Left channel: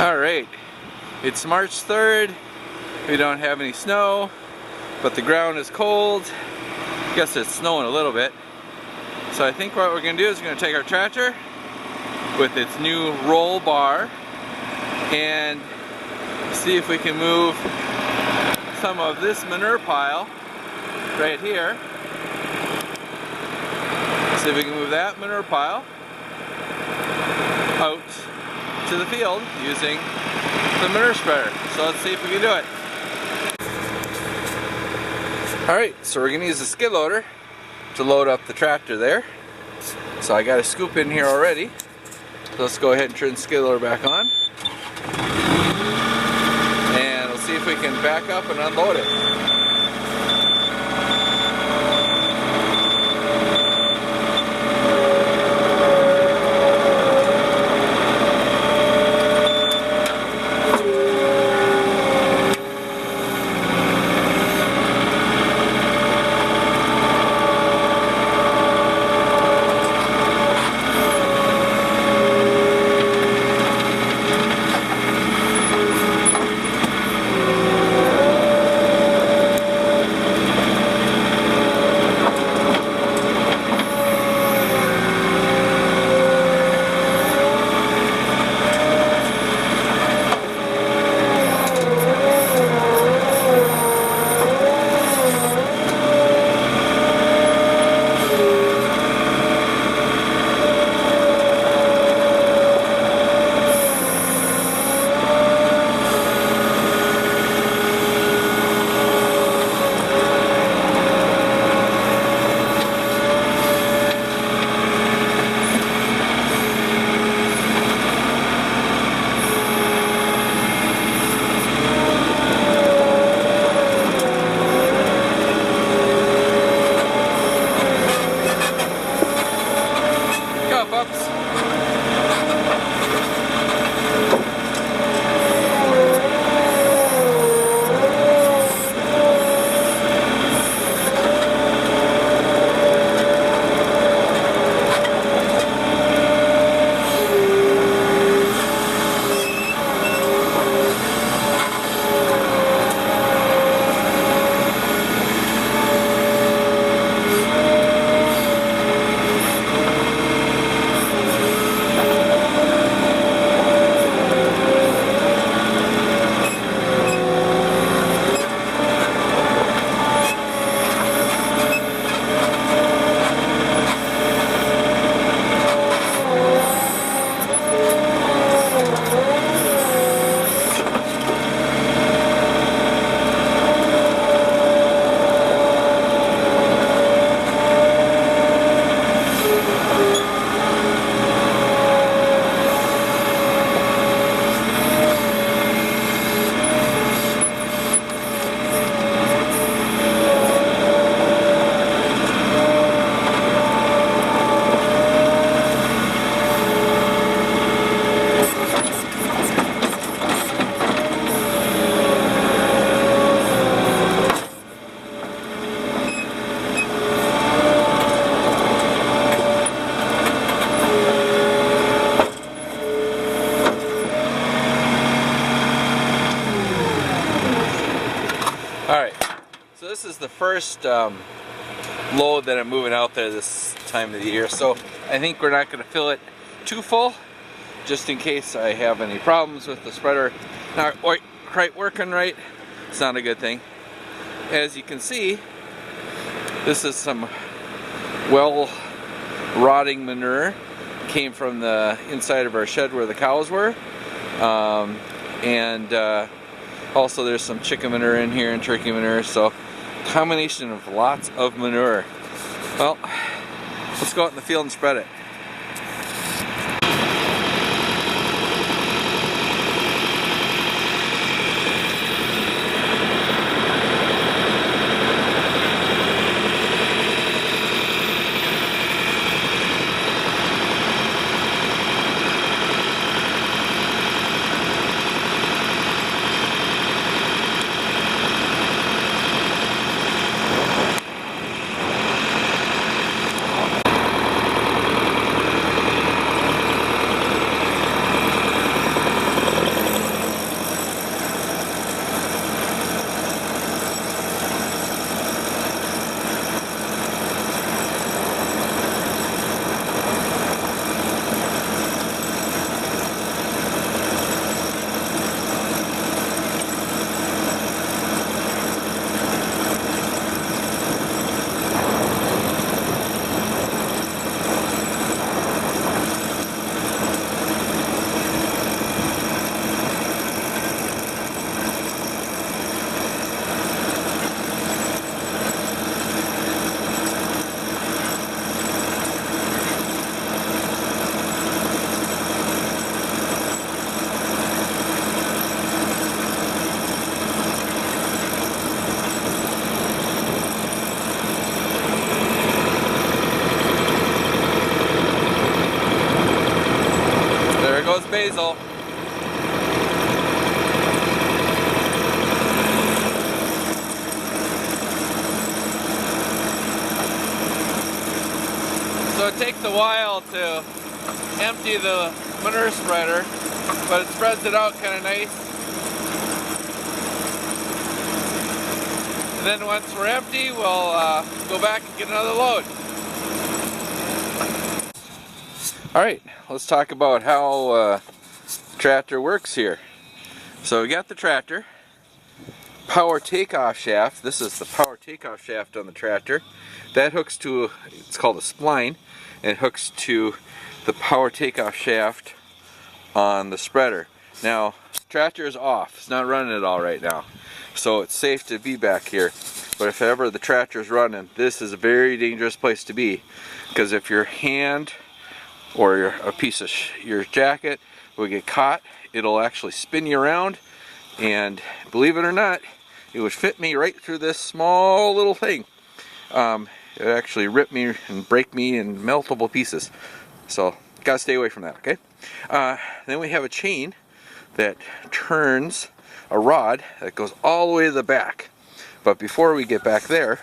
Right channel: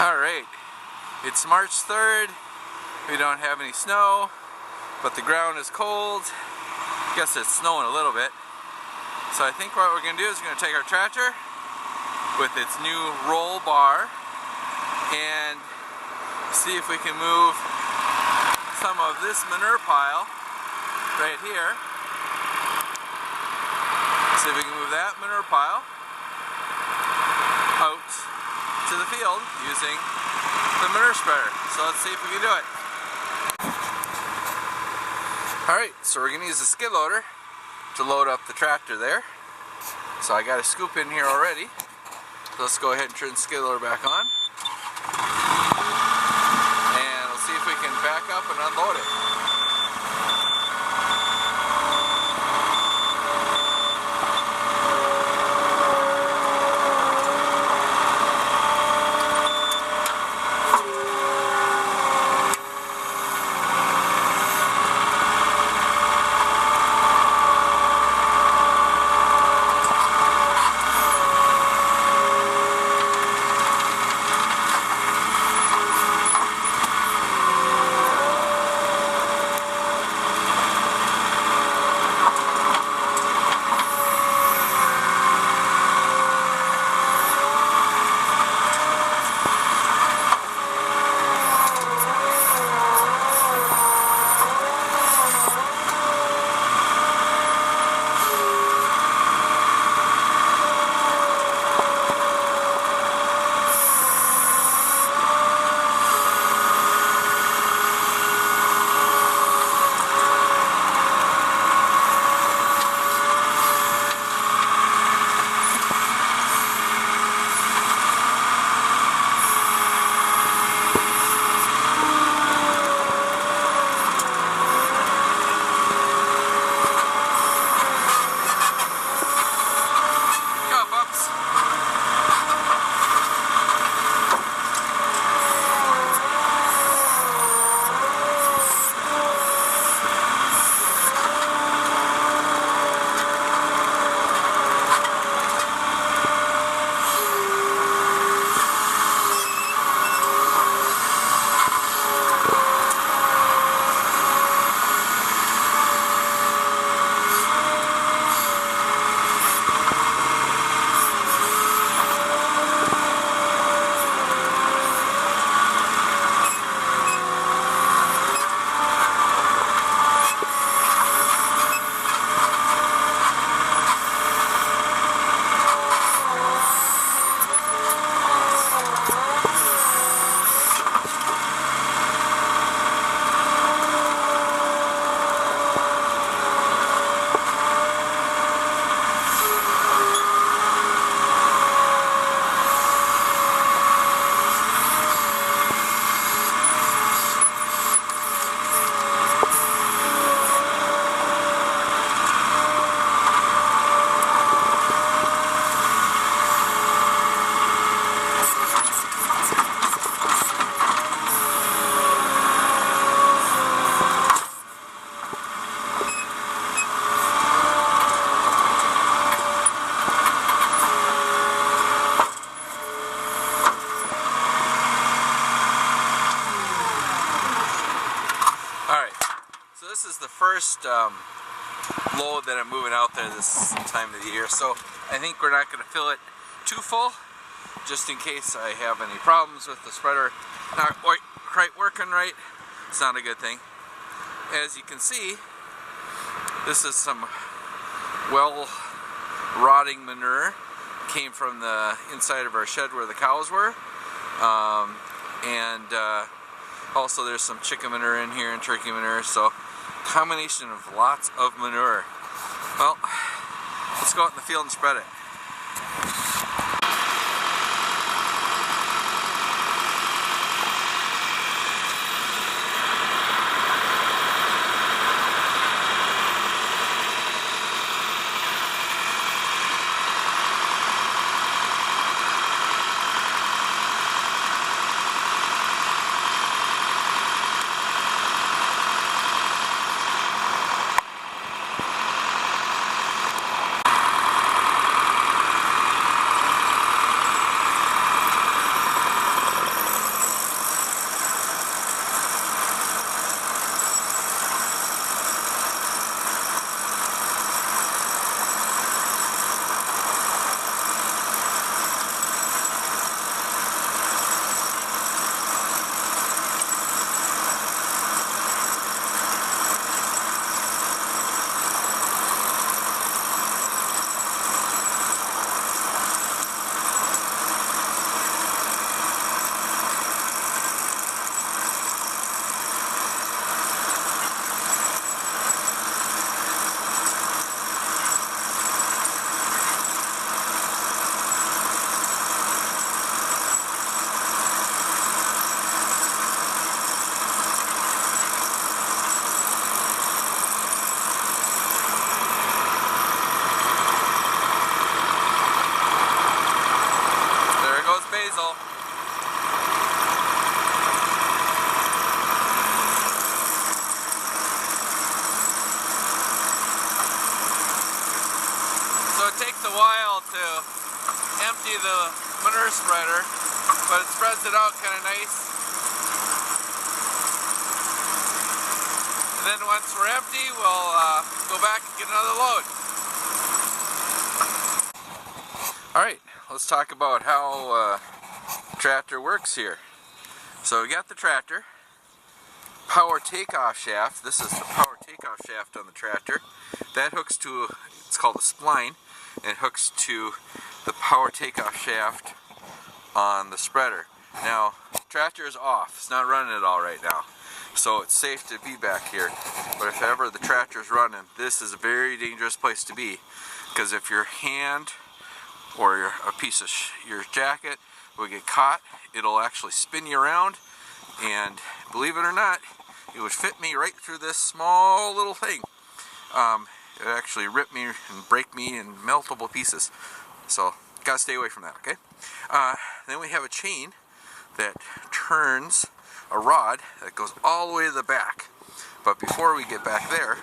Alright, it's March 3rd, we don't have any snow, but the ground is cold. I guess it's snowing a little bit. So I think what we're going to do is we're going to take our tractor with its new roll bar and see if we can move some of this manure pile right here. See if we can move that manure pile out to the field using the manure spreader. So let's see if we can do it. Alright, so we're going to use the skid loader to load up the tractor there. So I got a scoop in here already. So let's go ahead and turn the skid loader back on. And we'll see if we can back up and unload it. Alright, so this is the first load that I'm moving out there this time of the year, so I think we're not going to fill it too full, just in case I have any problems with the spreader not quite working right. It's not a good thing. As you can see, this is some well rotting manure. Came from the inside of our shed where the cows were, also there's some chicken manure in here and turkey manure, so combination of lots of manure. Well, let's go out in the field and spread it. goes Basil. So it takes a while to empty the manure spreader, but it spreads it out kind of nice. And then once we're empty, we'll go back and get another load. Alright, let's talk about how tractor works here. So we got the tractor, power takeoff shaft. This is the power takeoff shaft on the tractor. That hooks to, it's called a spline, and it hooks to the power takeoff shaft on the spreader. Now, tractor is off. It's not running at all right now. So it's safe to be back here. But if ever the tractor is running, this is a very dangerous place to be. Because if your hand or a piece of your jacket will get caught, it'll actually spin you around, and believe it or not, it would fit me right through this small little thing. It actually ripped me and break me in multiple pieces. So gotta stay away from that, okay? Then we have a chain that turns a rod that goes all the way to the back. But before we get back there,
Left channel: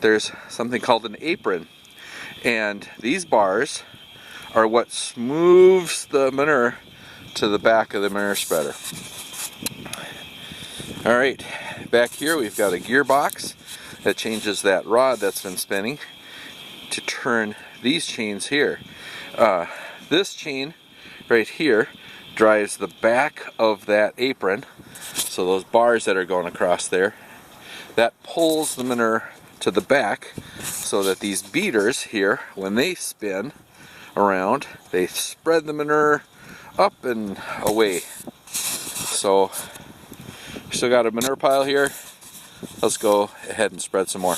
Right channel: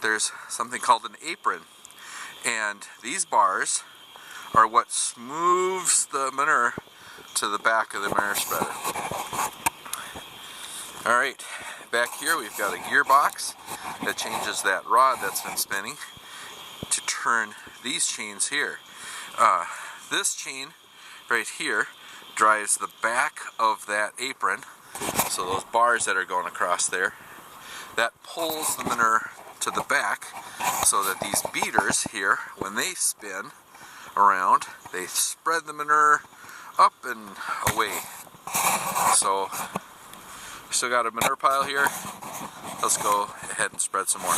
there's something called an apron, and these bars are what moves the manure to the back of the manure spreader. Alright, back here we've got a gearbox that changes that rod that's been spinning to turn these chains here. This chain right here drives the back of that apron, so those bars that are going across there, that pulls the manure to the back, so that these beaters here, when they spin around, they spread the manure up and away. So we still got a manure pile here. Let's go ahead and spread some more.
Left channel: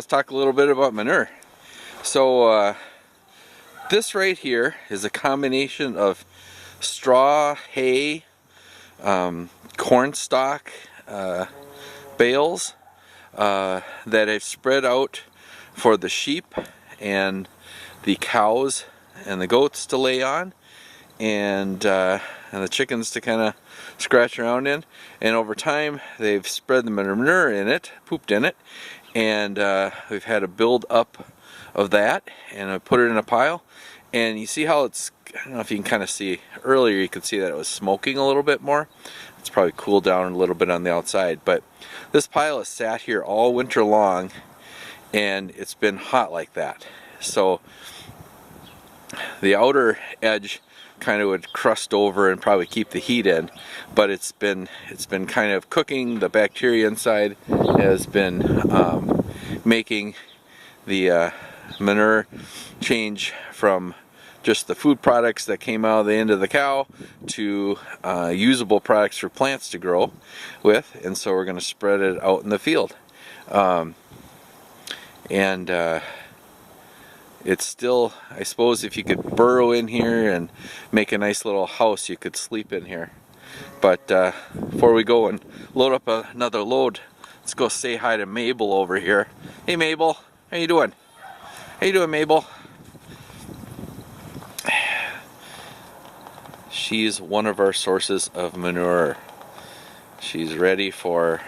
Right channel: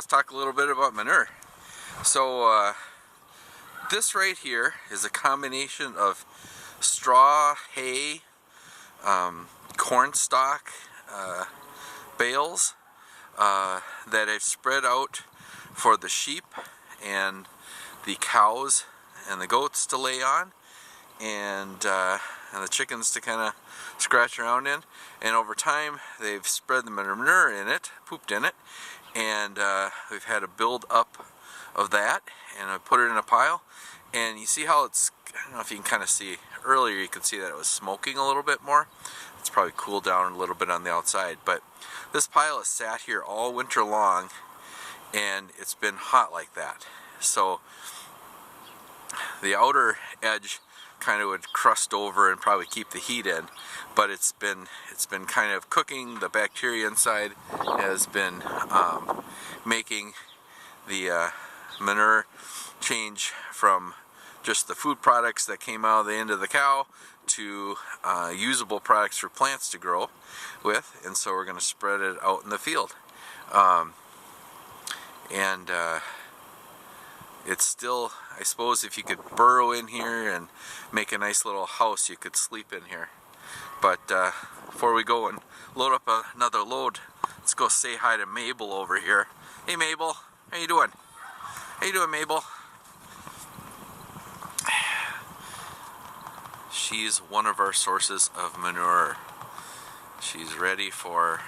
let's talk a little bit about manure. So this right here is a combination of straw, hay, corn stalk bales that I've spread out for the sheep and the cows and the goats to lay on, and the chickens to kind of scratch around in. And over time they've spread the manure in it, pooped in it, and we've had a build up of that, and I put it in a pile. And you see how it's, I don't know if you can kind of see, earlier you could see that it was smoking a little bit more. It's probably cooled down a little bit on the outside, but this pile has sat here all winter long and it's been hot like that. So the outer edge kind of would crust over and probably keep the heat in, but it's been kind of cooking. The bacteria inside has been making the manure change from just the food products that came out of the end of the cow to usable products for plants to grow with. And so we're going to spread it out in the field. It's still, I suppose if you could burrow in here and make a nice little house, you could sleep in here. But before we go and load up another load, let's go say hi to Mabel over here. Hey Mabel, how you doing? How you doing, Mabel? She's one of our sources of manure. She's ready for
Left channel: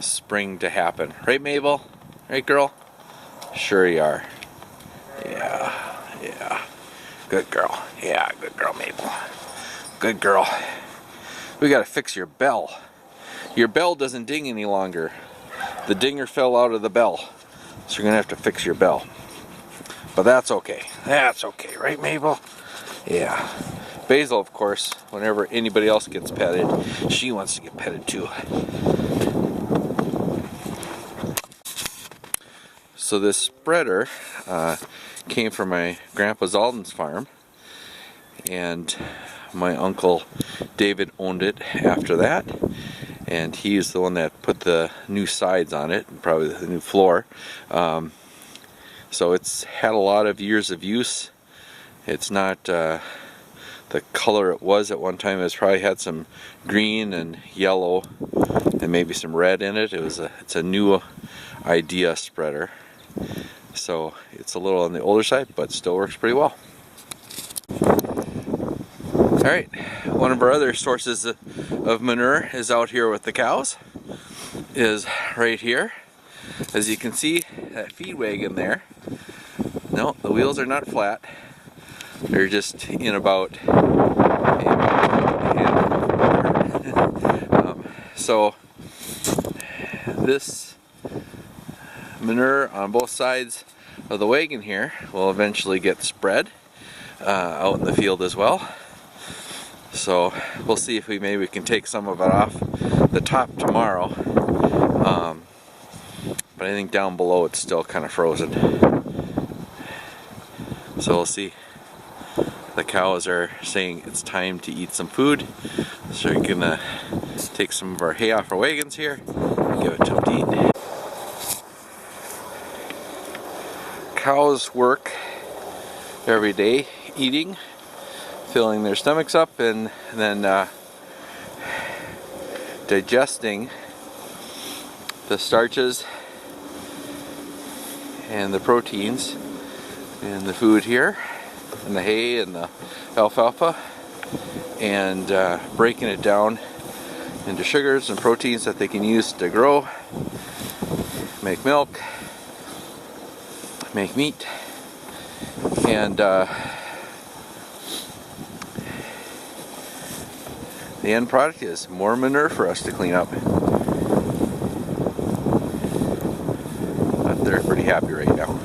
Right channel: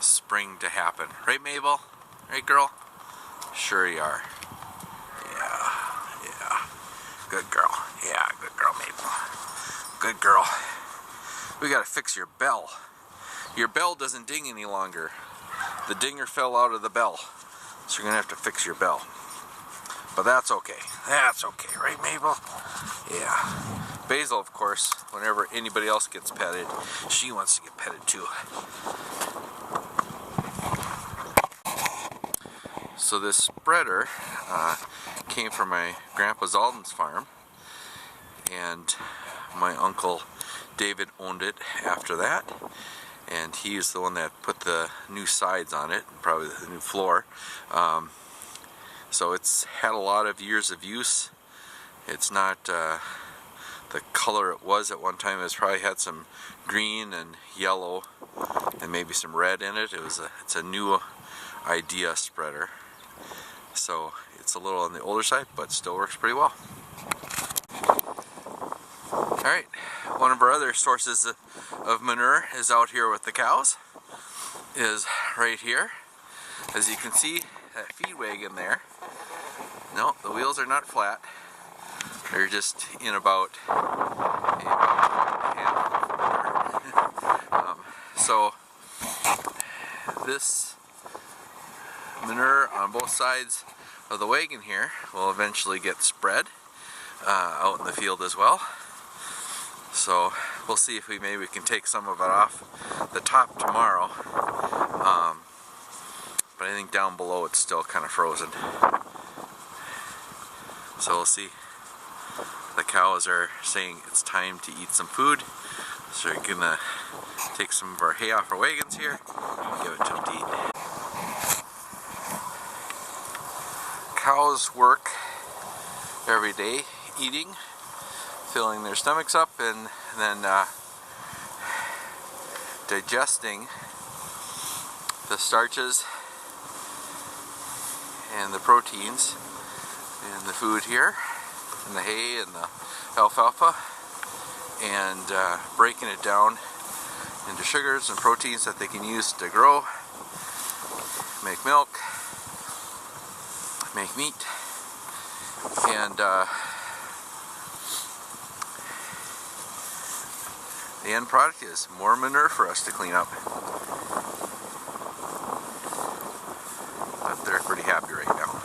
spring to happen. Right, Mabel? Right, girl? Sure you are. Yeah, yeah. Good girl. Yeah, good girl, Mabel. Good girl. We gotta fix your bell. Your bell doesn't ding any longer. The dinger fell out of the bell. So you're gonna have to fix your bell. But that's okay. That's okay, right, Mabel? Yeah. Basil, of course, whenever anybody else gets petted, she wants to get petted too. So this spreader came from my grandpa Zalden's farm, and my uncle David owned it after that, and he's the one that put the new sides on it and probably the new floor. So it's had a lot of years of use. It's not the color it was at one time. It's probably had some green and yellow and maybe some red in it. It's a new idea spreader. So it's a little on the older side, but still works pretty well. Alright, one of our other sources of manure is out here with the cows, is right here. As you can see, that feed wagon there, no, the wheels are not flat. They're just in about so this manure on both sides of the wagon here will eventually get spread out in the field as well. So we'll see if maybe can take some of it off the top tomorrow. But I think down below it's still kind of frozen. So we'll see. The cows are saying it's time to eat some food, so we're gonna take some of our hay off our wagons here and give it to them to eat. Cows work every day eating, filling their stomachs up, and then digesting the starches and the proteins in the food here, and the hay and the alfalfa, and breaking it down into sugars and proteins that they can use to grow, make milk, make meat, and the end product is more manure for us to clean up. But they're pretty happy right now.